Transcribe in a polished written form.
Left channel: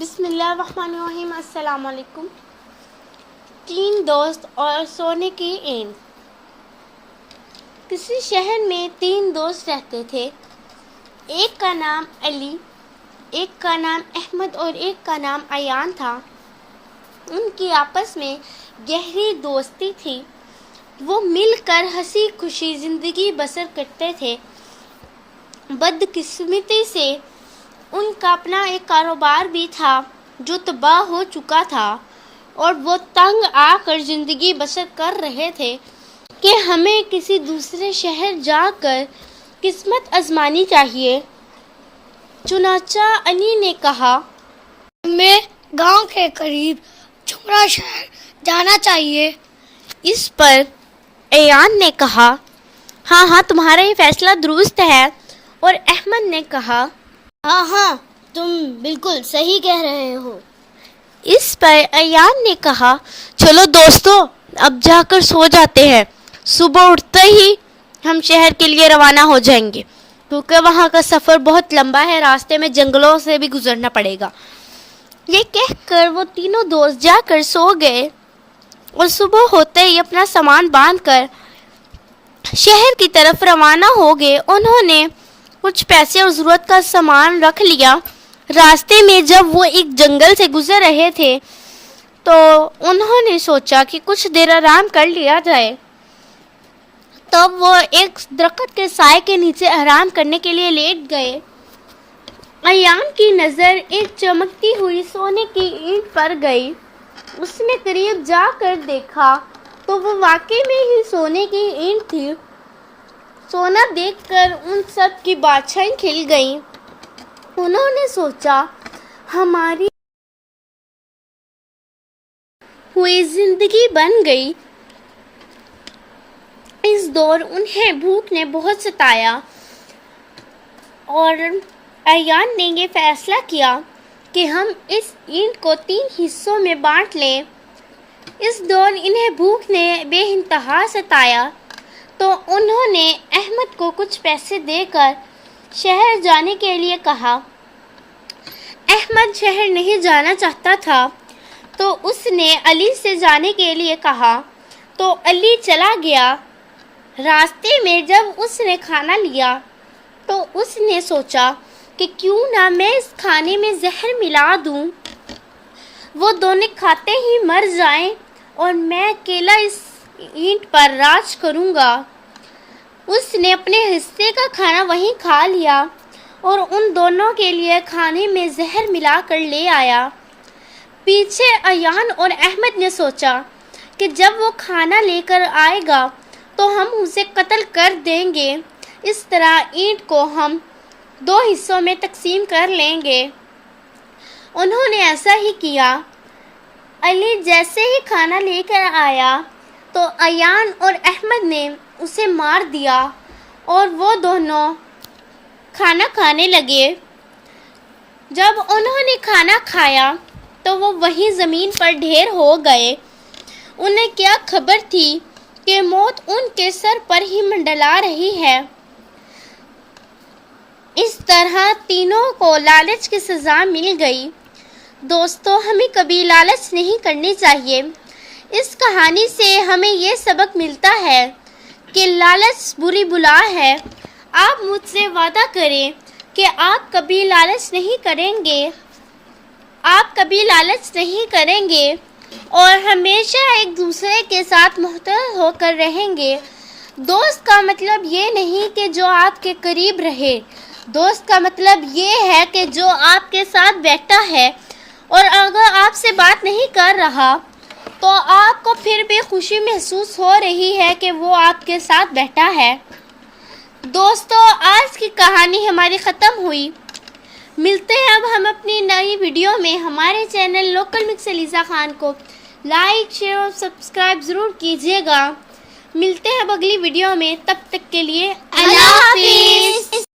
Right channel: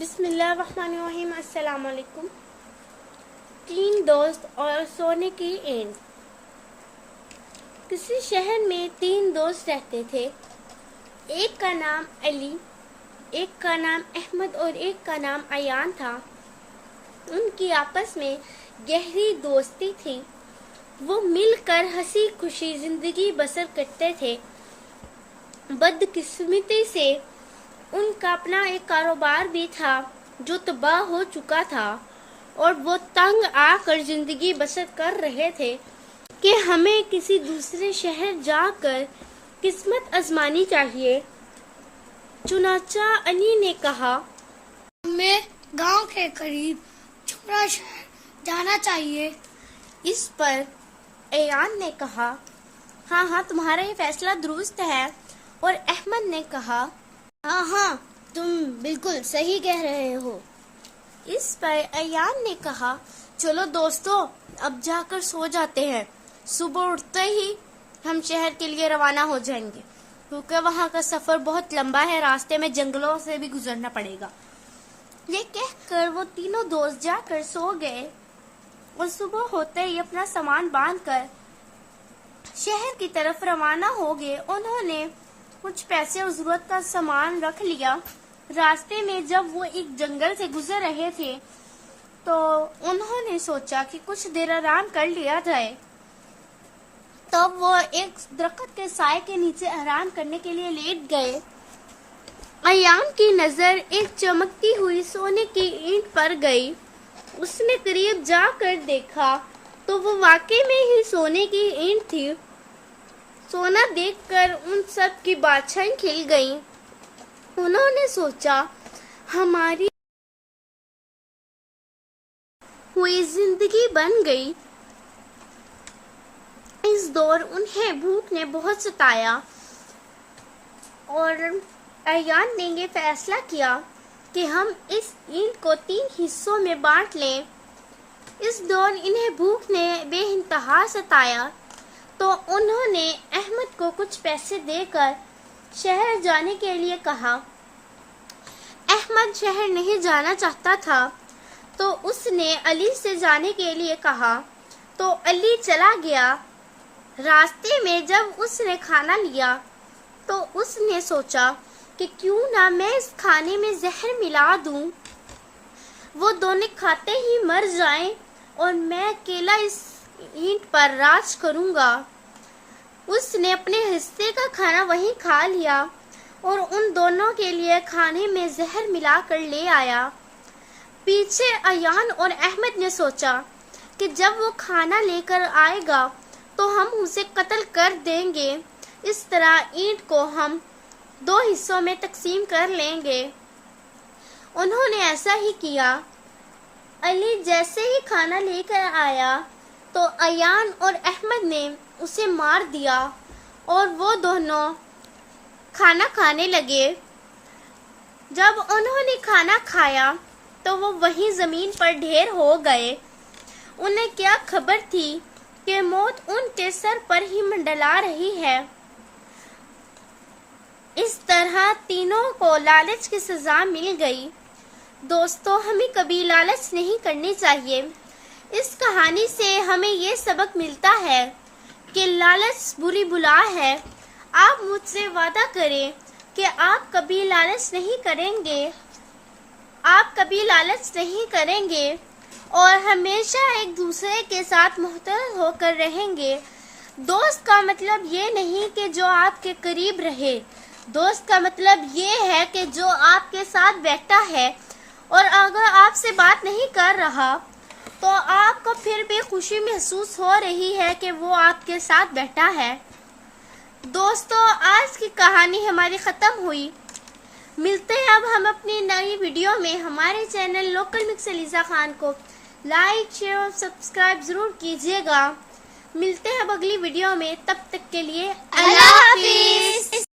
بسم اللہ الرحمن الرحیم۔ السلام علیکم۔ 3 دوست اور سونے کی اینٹ۔ کسی شہر میں 3 دوست رہتے تھے۔ ایک کا نام علی، ایک کا نام احمد اور ایک کا نام ایان تھا۔ ان کی آپس میں گہری دوستی تھی۔ وہ مل کر ہنسی خوشی زندگی بسر کرتے تھے۔ بدقسمتی سے ان کا اپنا ایک کاروبار بھی تھا جو تباہ ہو چکا تھا اور وہ تنگ آ کر زندگی بسر کر رہے تھے کہ ہمیں کسی دوسرے شہر جا کر قسمت آزمانی چاہیے۔ چنانچہ علی نے کہا، ہمیں گاؤں کے قریب چھمرا شہر جانا چاہیے۔ اس پر ایان نے کہا، ہاں تمہارا یہ فیصلہ درست ہے۔ اور احمد نے کہا، ہاں تم بالکل صحیح کہہ رہے ہو۔ اس پر ایان نے کہا، چلو دوستو اب جا کر سو جاتے ہیں، صبح اٹھتے ہی ہم شہر کے لیے روانہ ہو جائیں گے کیونکہ وہاں کا سفر بہت لمبا ہے، راستے میں جنگلوں سے بھی گزرنا پڑے گا۔ یہ کہہ کر وہ تینوں دوست جا کر سو گئے اور صبح ہوتے ہی اپنا سامان باندھ کر شہر کی طرف روانہ ہو گئے۔ انہوں نے کچھ پیسے اور ضرورت کا سامان رکھ لیا۔ راستے میں جب وہ ایک جنگل سے گزر رہے تھے تو انہوں نے سوچا کہ کچھ دیر آرام کر لیا جائے۔ تب وہ ایک درخت کے سائے کے نیچے آرام کرنے کے لیے لیٹ گئے۔ ایان کی نظر ایک چمکتی ہوئی سونے کی اینٹ پر گئی۔ اس نے قریب جا کر دیکھا تو وہ واقعی میں ہی سونے کی اینٹ تھی۔ سونا دیکھ کر ان سب کی بادشاہیں کھل گئیں۔ انہوں نے سوچا، ہماری ہوئی زندگی بن گئی۔ اس دور انہیں بھوک نے بہت ستایا اور ایان نے یہ فیصلہ کیا کہ ہم اس اینٹ کو 3 حصوں میں بانٹ لیں۔ اس دور انہیں بھوک نے بے انتہا ستایا تو انہوں نے احمد کو کچھ پیسے دے کر شہر جانے کے لیے کہا۔ احمد شہر نہیں جانا چاہتا تھا تو اس نے علی سے جانے کے لیے کہا تو علی چلا گیا۔ راستے میں جب اس نے کھانا لیا تو اس نے سوچا کہ کیوں نہ میں اس کھانے میں زہر ملا دوں، وہ دونوں کھاتے ہی مر جائیں اور میں اکیلا اس اینٹ پر راج کروں گا۔ اس نے اپنے حصے کا کھانا وہیں کھا لیا اور ان دونوں کے لیے کھانے میں زہر ملا کر لے آیا۔ پیچھے ایان اور احمد نے سوچا کہ جب وہ کھانا لے کر آئے گا تو ہم اسے قتل کر دیں گے، اس طرح اینٹ کو ہم 2 حصوں میں تقسیم کر لیں گے۔ انہوں نے ایسا ہی کیا۔ علی جیسے ہی کھانا لے کر آیا تو ایان اور احمد نے اسے مار دیا اور وہ دونوں کھانا کھانے لگے۔ جب انہوں نے کھانا کھایا تو وہ وہیں زمین پر ڈھیر ہو گئے۔ انہیں کیا خبر تھی کہ موت ان کے سر پر ہی منڈلا رہی ہے۔ اس طرح تینوں کو لالچ کی سزا مل گئی۔ دوستو، ہمیں کبھی لالچ نہیں کرنی چاہیے۔ اس کہانی سے ہمیں یہ سبق ملتا ہے کہ لالچ بری بلا ہے۔ آپ مجھ سے وعدہ کریں کہ آپ کبھی لالچ نہیں کریں گے اور ہمیشہ ایک دوسرے کے ساتھ محتاط ہو کر رہیں گے۔ دوست کا مطلب یہ نہیں کہ جو آپ کے قریب رہے، دوست کا مطلب یہ ہے کہ جو آپ کے ساتھ بیٹھا ہے اور اگر آپ سے بات نہیں کر رہا تو آپ کو پھر بھی خوشی محسوس ہو رہی ہے کہ وہ آپ کے ساتھ بیٹھا ہے۔ دوستو، آج کی کہانی ہماری ختم ہوئی۔ ملتے ہیں اب ہم اپنی نئی ویڈیو میں۔ ہمارے channel local mix Alizeh Khan کو لائک، شیئر اور سبسکرائب ضرور کیجیے گا۔ ملتے ہیں اب اگلی ویڈیو میں، تب تک کے لیے اللہ حافظ۔